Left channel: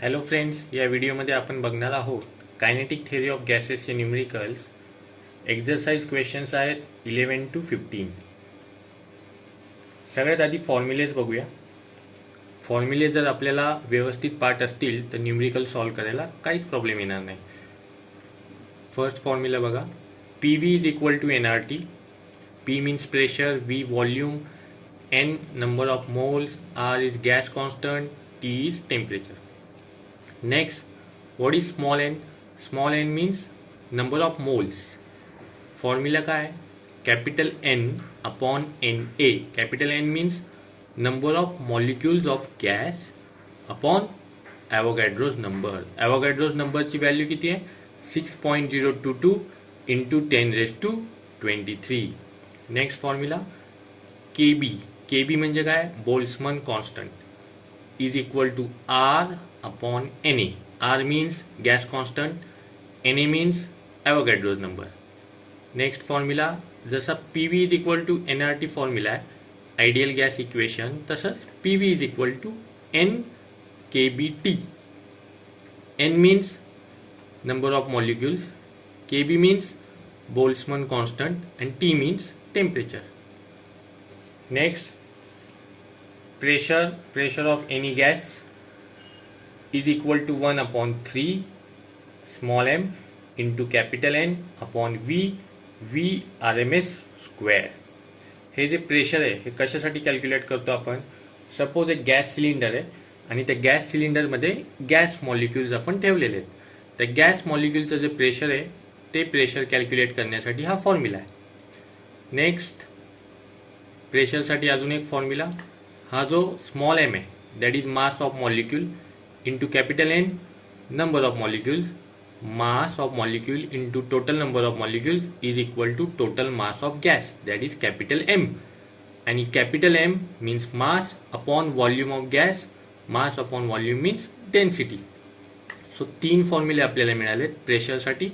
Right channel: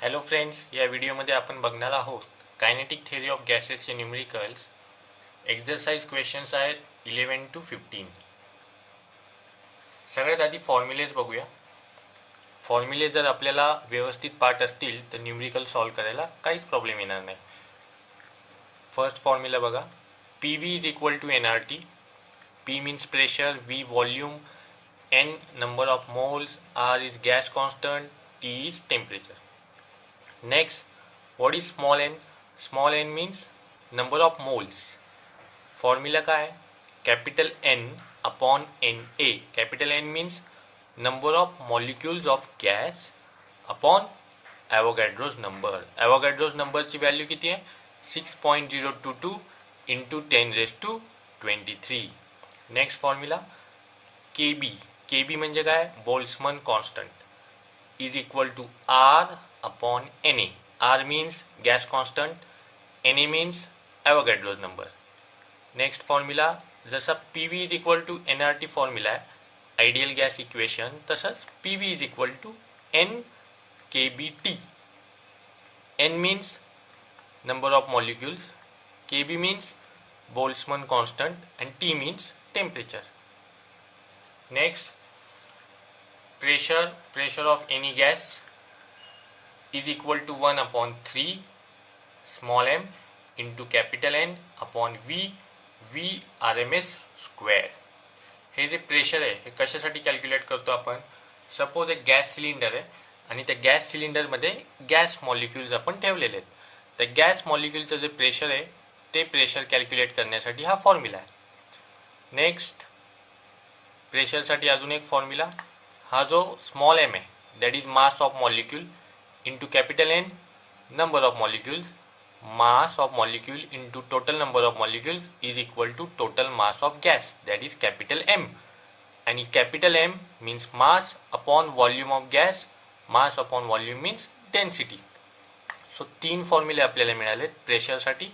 Hello friends, या व्हिडिओमध्ये आपण बघणार आहोत कायनेटिक थिअरी ऑफ गॅसेसचे न्यूमेरिकल्स. एक्झरसाइज क्वेश्चन्स आहेत 11 to 15. सगळ्यात आधी फॉर्म्युलेज बघूया. फॉर्म्युले जर आपल्याला व्यवस्थित पाठ असतील तर न्यूमेरिकल सॉल्व्ह करायला काहीच प्रॉब्लेम येणार नाही. फर्स्ट फॉर्म्युला बघा, P V is equal to N R T. P means pressure, V volume, N number of moles, R is gas constant, T is temperature. Next, what is small n? Small n means number of moles. Formula काय आहे? Capital N upon Na. Capital N means number of molecules of gas upon Avogadro's number. Avogadro's number ची value किती आहे? 6.022 into 10 raised to 23. Next formula KB. KB म्हणजे काय? Boltzmann constant is equal to R upon Na. R means gas constant, Na means Avogadro's number. Next formula जसा PV is equal to nRT formula आहे ideal gas equation, तसंच PV is equal to NKBT. N means number of molecules, KB means Boltzmann constant and T means temperature. Next, pressure of any gas is equal to 1 upon 3 small m into capital N upon V RMS square. हे जे pressure आहे हे कशासाठी calculate करतो आपण? Suppose एक gas cylinder आहे आणि त्या गॅस सिलेंडरमध्ये गॅस मॉलिक्युल्स आपण ठेवलेले आहेत. त्या गॅस मॉलिक्युलचं जे प्रेशर आहे ते प्रेशर कॅल्क्युलेट करण्यासाठी हा फॉर्म्युला आहे. नेक्स्ट, प्रेशरसाठी अजून एक फॉर्म्युला, हा जो स्मॉल एम आहे that is mass of molecule into capital N number of molecules. Mass of molecule into total number of molecules is equal to total mass of gas that is capital M. आणि capital M means mass upon volume of gas. Mass upon volume means density. So 3 फॉर्म्युले आपल्याला मिळाले प्रेशरसाठी.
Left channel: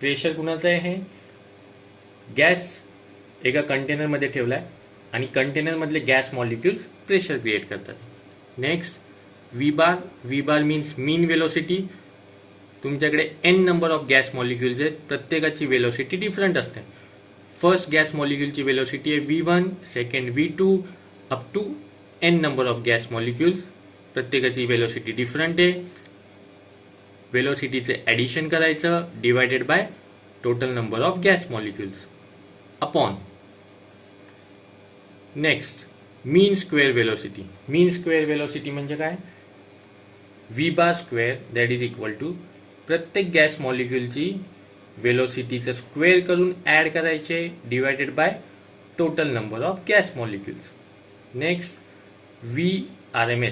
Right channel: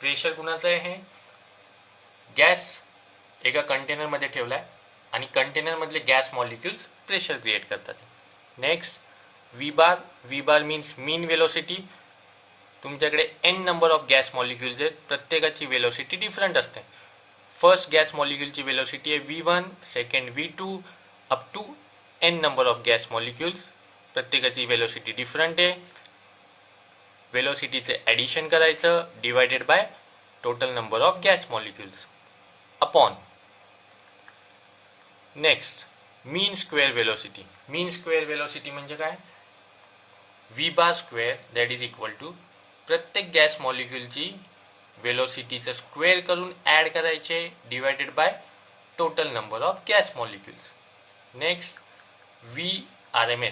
Pressure कुणाचं आहे? हे gas एका कंटेनरमध्ये ठेवला आहे आणि कंटेनरमधले गॅस मॉलिक्युल्स प्रेशर क्रिएट करतात. Next, V bar means mean velocity. तुमच्याकडे N number of gas molecules आहेत, प्रत्येकाची वेलोसिटी डिफरंट असते. फर्स्ट गॅस मॉलिक्युलची वेलोसिटी आहे V1, second V2 up to N number of gas molecules. प्रत्येकाची वेलोसिटी डिफरंट आहे. वेलोसिटीचे ॲडिशन करायचं divided by total number of gas molecules upon. Next, mean square velocity. Mean square velocity म्हणजे काय? V bar square that is equal to प्रत्येक gas मॉलिक्युलची वेलोसिटीचं square करून ॲड करायचे divided by total number of gas molecules. Next, V R M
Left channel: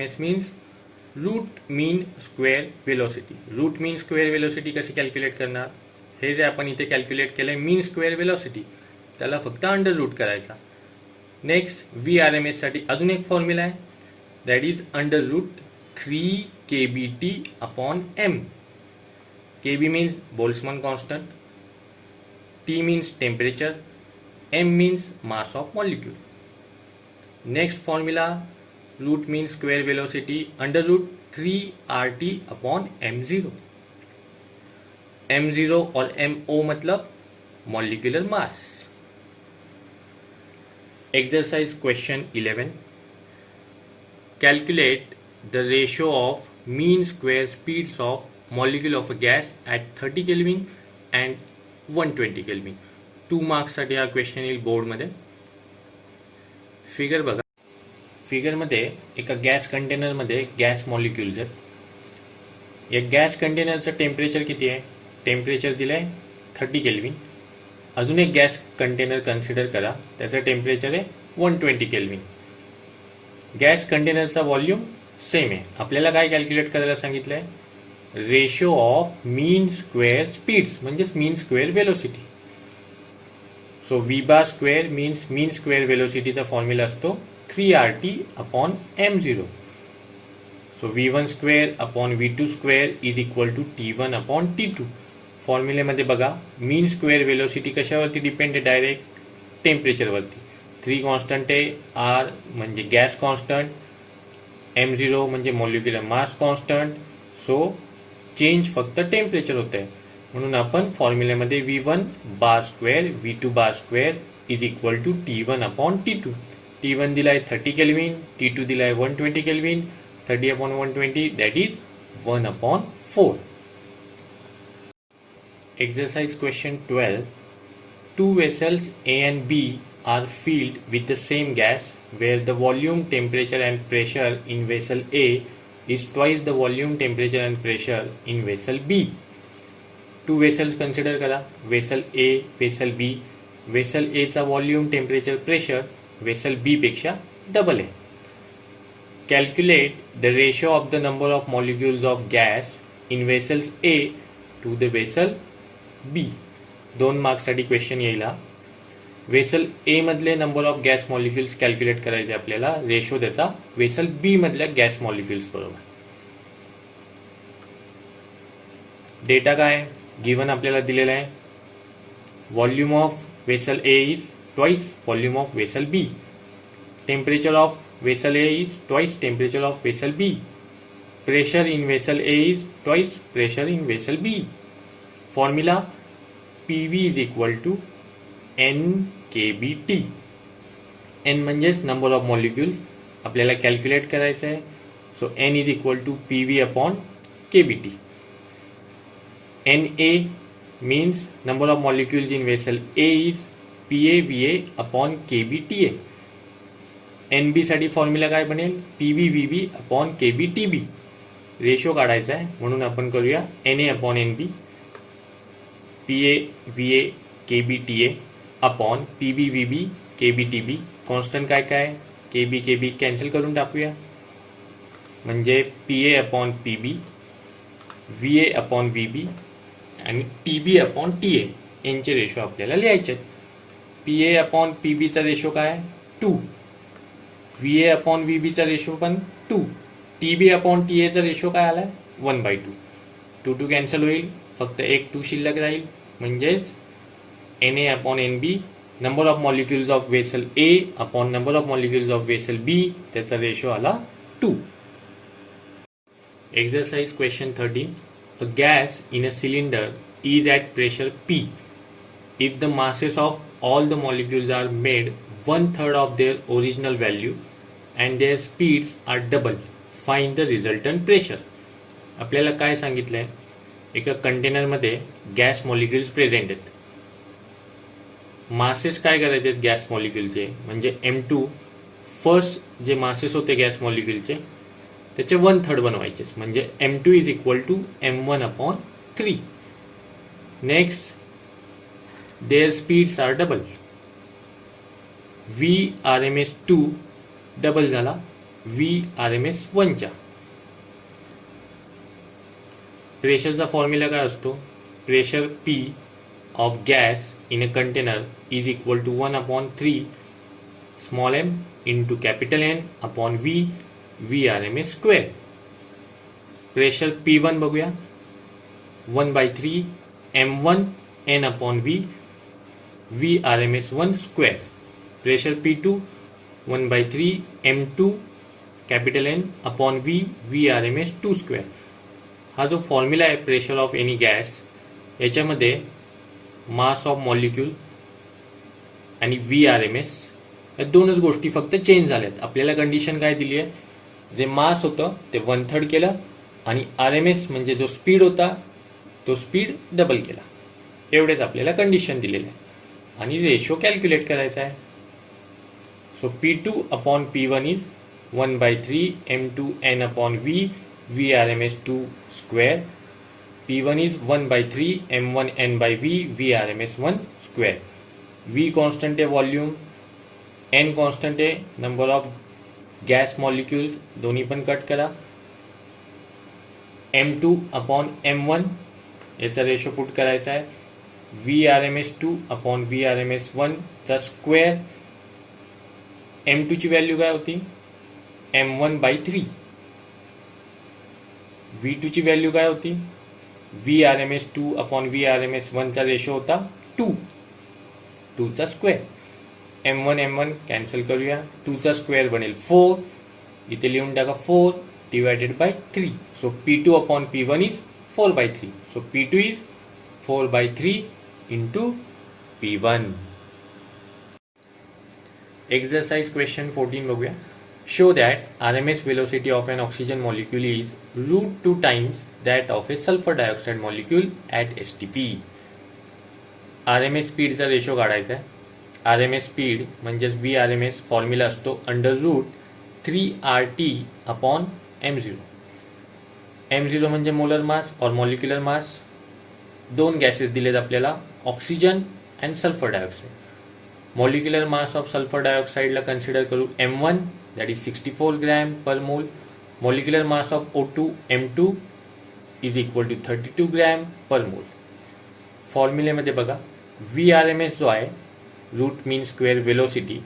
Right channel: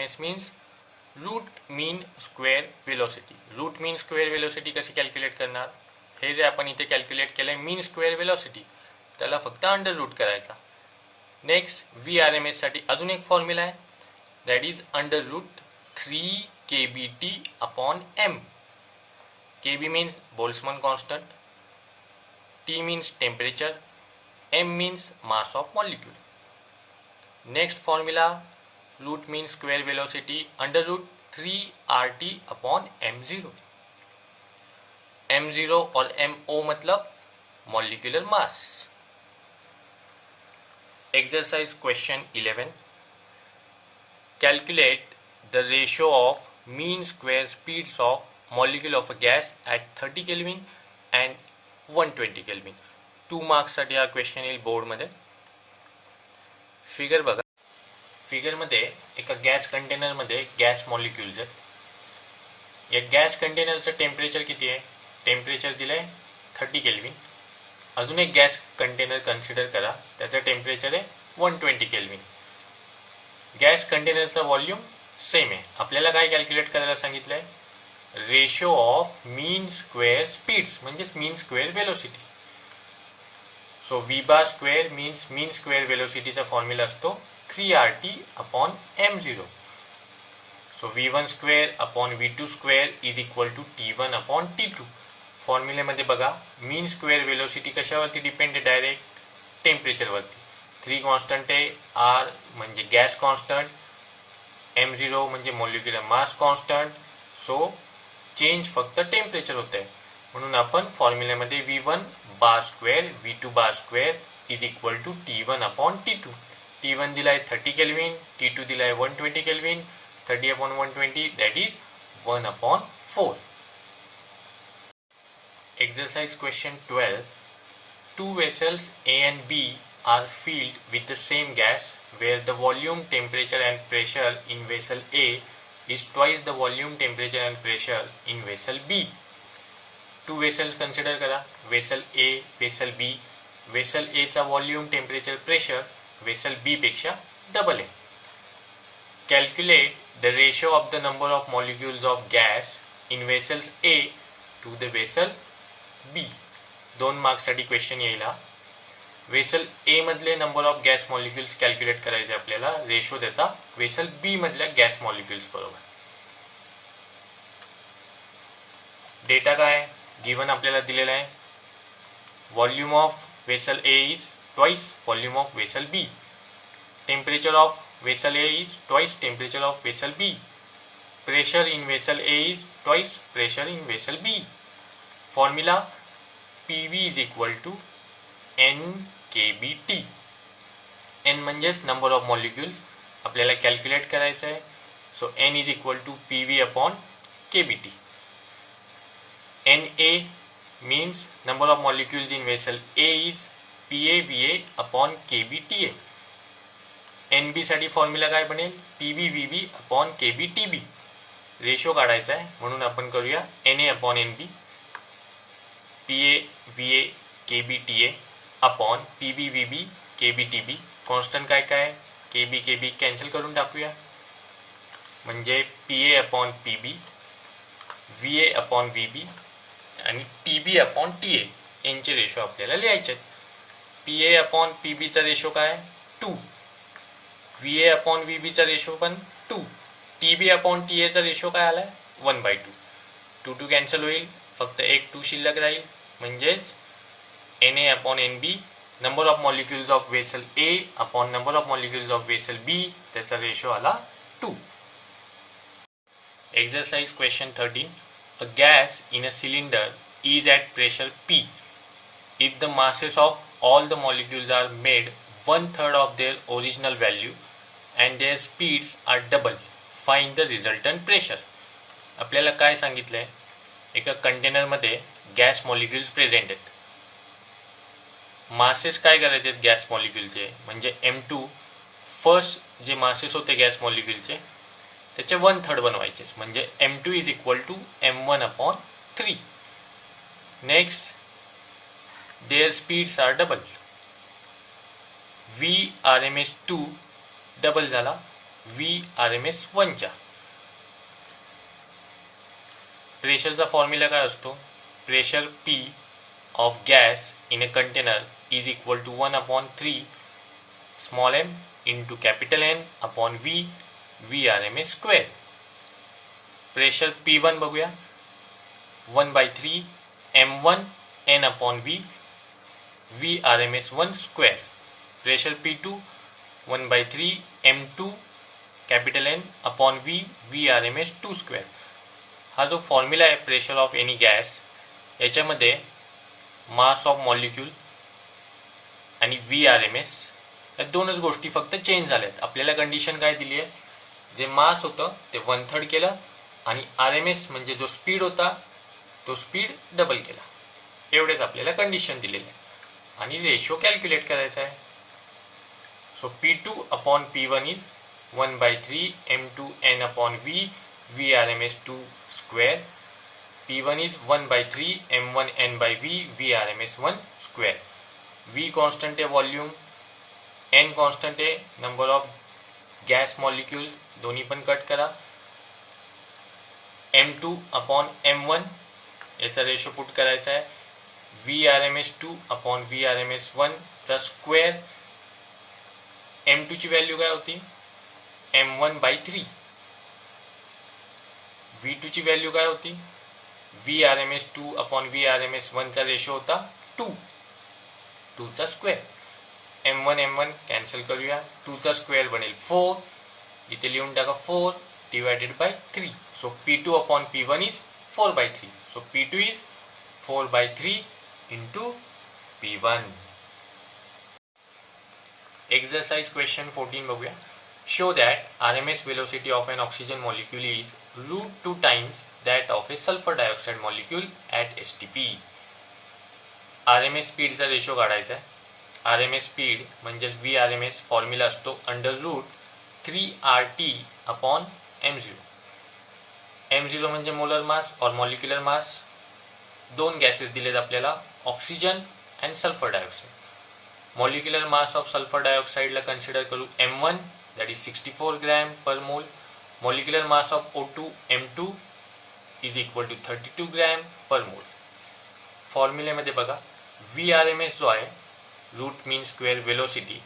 S means root mean square velocity. Root mean square velocity कशी calculate करणार? हे जे आपण इथे कॅल्क्युलेट केलंय मीन स्क्वेअर वेलोसिटी, त्याला फक्त अंडर रूट करायचा. Next, V R M S साठी अजून एक फॉर्म्युला आहे that is under root 3 KBT upon M. KB means Boltzmann constant, T means temperature, M means mass of molecule. Next formula, root means square velocity under root 3 RT upon M0. M0 और MO मतलब molecular mass. Exercise question 11. Calculate the ratio of mean square speeds of molecule of a gas at 30 Kelvin and 120 Kelvin. 2 marks साठी हा question येईल बोर्डमध्ये. Figure बघा. फिगरमध्ये एका gas कंटेनरमध्ये gas molecules आहेत. या गॅस कंटेनरचं टेम्परेचर किती आहे? टेम्परेचर दिलंय 30 केल्विन. अजून एक गॅस कंटेनर कन्सिडर करा, त्याचं टेम्परेचर आहे 120 केल्विन. गॅस कंटेनरचा व्हॉल्यूम सेम आहे. आपल्याला काय कॅल्क्युलेट करायला सांगितलंय? Ratio of mean square speeds म्हणजेच mean square velocity. So V bar square means mean square वेलोसिटीचा फॉर्म्युला असतो 3RT upon M0. So V1 square upon V2 square is equal to T1 upon T2. फॉर्म्युलेमध्ये बघा, mean square velocity कशावरती depend आहे? Direct टेम्परेचरवरती. 3 constant आहे, R म्हणजे gas constant, m0 म्हणजे मॉलिक्युलर मास कॉन्स्टंट. सो चेंज फक्त टेम्परेचर होत आहे. म्हणून आपण फॉर्म्युल्यामध्ये V1 bar square V2 bar square is equal to T1 upon T2. T1 दिलाय 30 केल्विन, T2 दिलाय 120 kelvin. 30 upon 120 that is 1 upon 4. Exercise question 12. Two vessels A and B are filled with the same gas where the volume, temperature and pressure in vessel A is twice the volume, temperature and pressure in vessel B. Two vessels consider करा. Vessel A, vessel B. Vessel A चा volume, temperature, pressure vessel B पेक्षा double आहे. Calculate the ratio of the number of molecules of gas in vessels A to the vessel B. 2 मार्क्ससाठी question येईल. Vessel A मधले number of gas molecules calculate करायचे आपल्याला, ratio त्याचा vessel B मधल्या gas molecules बरोबर. Data काय given आपल्याला दिलेला आहे. Volume of vessel A is twice volume of vessel B. Temperature of vessel A is twice temperature of vessel B. Pressure in vessel A is twice pressure in vessel B. Formula PV is equal to NKBT. N म्हणजेच number of molecules आपल्याला calculate करायचं आहे. So N is equal to PV upon KBT. NA means number of molecules in vessel A is PAVA upon KBTA. NB साठी formula काय बनेल PBVB upon KBTB. Ratio काढायचा आहे म्हणून आपण करूया NA upon NB PAVA KBTA upon PBVB KBTB. Constant काय काय KB KB कॅन्सल करून टाकूया म्हणजे PA upon PB VA upon VB आणि TB अपॉन TA यांचे रेशो आपल्याला लिहायचे आहेत. PA अपॉन PB चा रेशो काय 2. VA अपॉन VB चा रेशो पण 2. TB अपॉन TA चा रेशो काय आलाय 1/2. 2 कॅन्सल होईल फक्त एक 2 शिल्लक राहील म्हणजेच NA upon NB number of molecules of vessel A upon number of molecules of vessel B त्याचा रेशो आला 2. Exercise question 13. A gas in a cylinder is at pressure P. If the masses of all the molecules are made 1/3 of their original value and their speeds are double, find the resultant pressure. आपल्याला काय सांगितलंय एका कंटेनरमध्ये gas molecules present आहेत. Masses काय करायचे gas मॉलिक्युलचे म्हणजे M2 first जे मासेस होते गॅस मॉलिक्युलचे त्याचे 1/3 बनवायचे म्हणजे M2 is equal to M1 upon 3. Next there speeds are double. VRMS2 double झाला VRMS1 च्या. प्रेशरचा फॉर्म्युला काय असतो pressure P of gas in a container is equal to 1/3 small m into capital N upon V VRMS square. Pressure P1 बघूया 1/3 M1 N upon V VRMS1 square. Pressure P2 1/3 M2 capital N upon V VRMS2 square. हा जो formula आहे pressure of any gas याच्यामध्ये मास of molecule आणि VRMS या दोनच गोष्टी फक्त चेंज झाल्यात. आपल्याला कंडिशन काय दिली आहे जे मास होतं ते 1/3 केलं आणि RMS म्हणजे जो स्पीड होता तो स्पीड डबल केला. एवढेच आपल्याला कंडिशन दिलेले आहे आणि रेशो कॅल्क्युलेट करायचा आहे. So P2 upon P1 is 1/3 M2 N upon V VRMS2 square. P1 is 1/3 M1 N by V VRMS1 square. V constant आहे वॉल्यूम, N कॉन्स्टंट आहे नंबर ऑफ गॅस मॉलिक्युल्स दोन्ही पण cut करा. M2 upon M1 याचा ratio put करायचा आहे. VRMS2 upon VRMS1 चा square. M2 ची व्हॅल्यू काय होती M1/3. V2 ची व्हॅल्यू काय होती VRMS2 अपॉन VRMS1 चा रेशो होता 2 चा स्क्वेअर. M1 कॅन्सल करूया 2 चा स्क्वेअर बनेल 4. इथे लिहून टाका 4 divided by 3. So P2 upon P1 is 4 by 3. So P2 is 4 by 3 into P1. Exercise question 14 बघूया. Show that RMS velocity of an oxygen molecule is root 2 times that of a sulfur dioxide molecule at STP. RMS स्पीडचा ratio काढायचा आहे. RMS speed म्हणजेच VRMS formula असतो under root 3RT upon M0. M0 म्हणजे molar mass और molecular mass. दोन gases दिलेत आपल्याला, oxygen and sulphur dioxide. Molecular mass of sulphur डायऑक्साईडला कन्सिडर करू M1 that is 64 gram per mole. Molecular mass of O2 M2 is equal to 32 gram per mole. फॉर्म्युलेमध्ये बघा VRMS जो आहे रूट मीन स्क्वेअर वेलोसिटी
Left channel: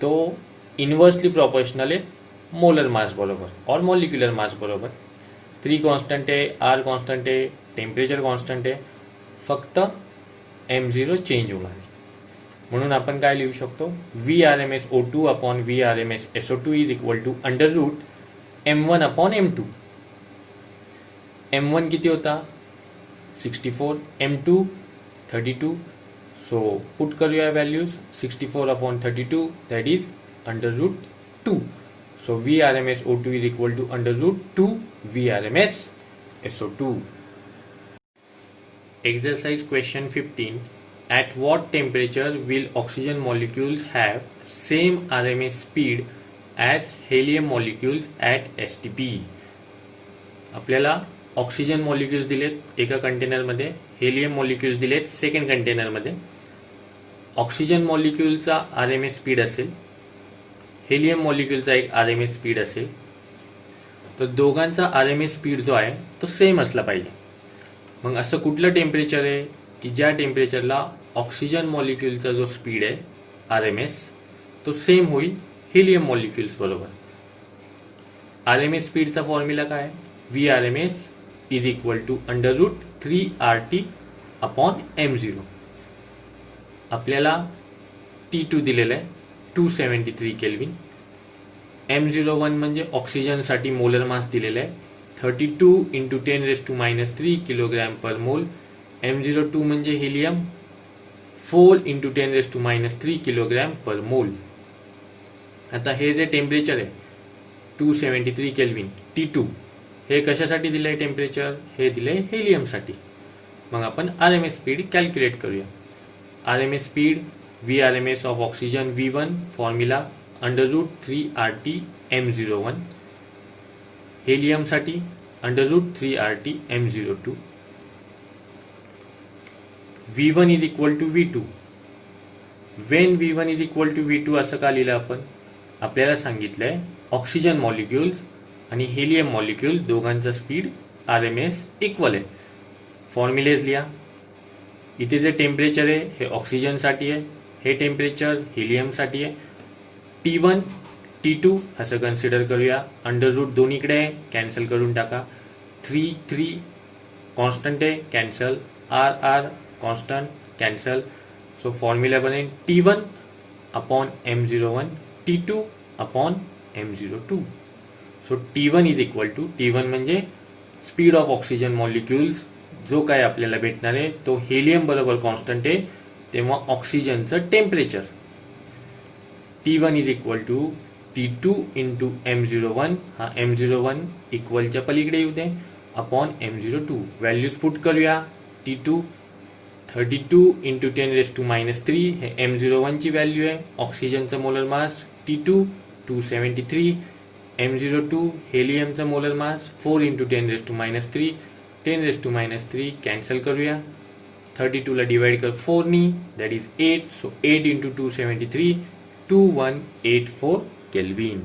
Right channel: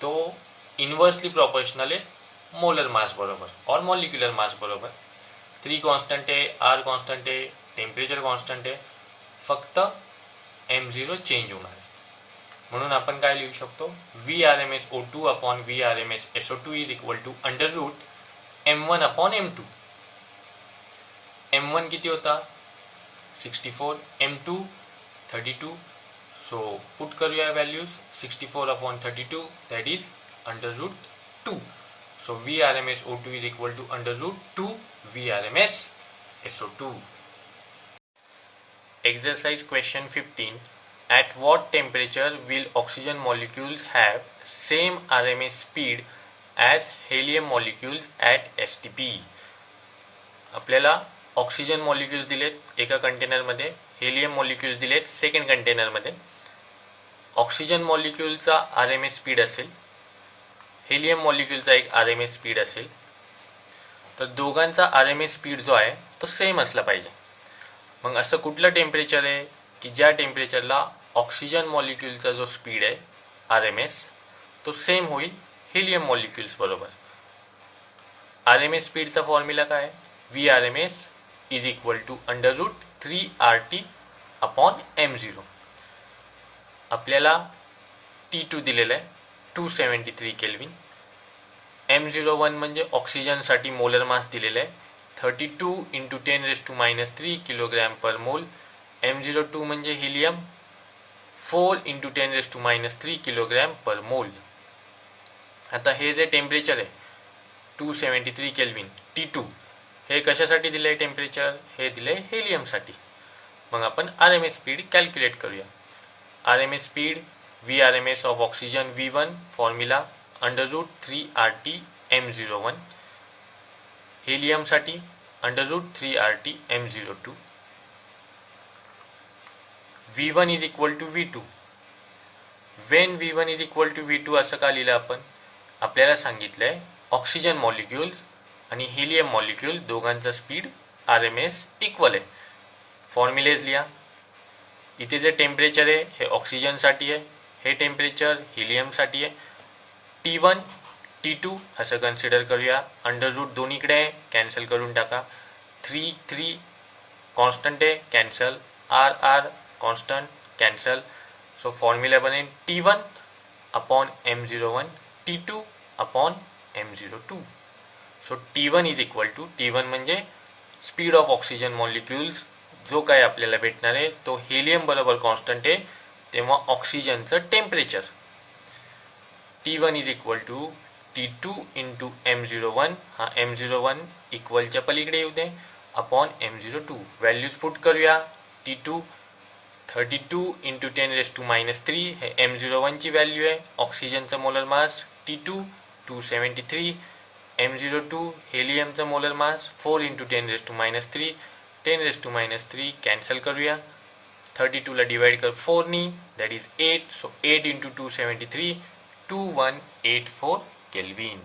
तो inversely proportional आहे molar मास बरोबर और मॉलिक्युलर मास बरोबर. 3 कॉन्स्टंट आहे, R कॉन्स्टंट आहे, टेम्परेचर कॉन्स्टंट आहे, फक्त M0 चेंज होणार आहे. म्हणून आपण काय लिहू शकतो VRMS O2 upon VRMS SO2 is equal to under root M1 upon M2. M1 किती होता 64, M2 32. सो पुट करूया values 64 upon 32 that is under root 2. So VRMS O2 is equal to under root 2 VRMS SO2. Exercise question 15. At what temperature will oxygen molecules have same RMS speed as helium molecules at STP? आपल्याला oxygen molecules दिलेत एका कंटेनरमध्ये, helium molecules दिलेत second कंटेनरमध्ये. Oxygen मॉलिक्युलचा RMS speed असेल, helium मॉलिक्युलचा एक RMS speed असेल, तर दोघांचा RMS स्पीड जो आहे तो सेम असला पाहिजे. मग असं कुठलं टेम्परेचर आहे की ज्या टेम्परेचरला ऑक्सिजन मॉलिक्युलचा जो स्पीड आहे RMS तो सेम होईल हेलियम मॉलिक्युल्स बरोबर. RMS स्पीडचा फॉर्म्युला काय आहे VRMS is equal to under root 3RT upon M0. आपल्याला T2 दिलेलं आहे 273 केल्विन. M01 म्हणजे ऑक्सिजनसाठी मोलर मास दिलेला आहे 32 इंटू 10⁻³ किलोग्रॅम पर मोल. M02 म्हणजे हिलियम 4 इंटू 10⁻³ किलोग्रॅम पर मोल. आता हे जे टेम्परेचर आहे 273 केल्विन T2 हे कशासाठी दिले टेम्परेचर, हे दिले हेलियमसाठी. मग आपण RMS स्पीड कॅल्क्युलेट करूया. RMS speed VRMS of oxygen V1 formula under root 3RT M01. Helium साठी under root 3RT M02. V1 is equal to V2. When V1 is equal to V2 असं का लिहिलं आपण, आपल्याला सांगितलंय ऑक्सिजन मॉलिक्युल्स आणि helium molecule दोघांचा speed RMS equal आहे. फॉर्म्युलेज लिहा. इथे जे टेम्परेचर आहे हे ऑक्सिजनसाठी आहे, हे टेम्परेचर हिलियमसाठी आहे. T1 T2 असं कन्सिडर करूया. अंडर रूट दोन्हीकडे आहे, कॅन्सल करून टाका. 3 कॉन्स्टंट आहे, cancel. R constant, cancel. So formula बनेल T1 upon M01 T2 upon M02. So T1 is equal to, T1 म्हणजे स्पीड ऑफ ऑक्सिजन मॉलिक्युल्स जो काय आपल्याला भेटणार आहे तो हेलियम बरोबर कॉन्स्टंट आहे तेव्हा ऑक्सिजनचं temperature. T1 is equal to T2 into M01, हा M01 इक्वलच्या पलीकडे येऊ दे, अपॉन M02. व्हॅल्यूज पुट करूया. T2 32 इंटू 10⁻³ हे M01 ची व्हॅल्यू आहे. ऑक्सिजनचं मोलर मास T2 273, M02 हेलियमचं मोलर मास 4 इंटू 10⁻³ 10⁻³ कॅन्सल करूया. 32 ला डिवाइड कर 4 नी, that is 8. So 8 into 273 2184 kelvin.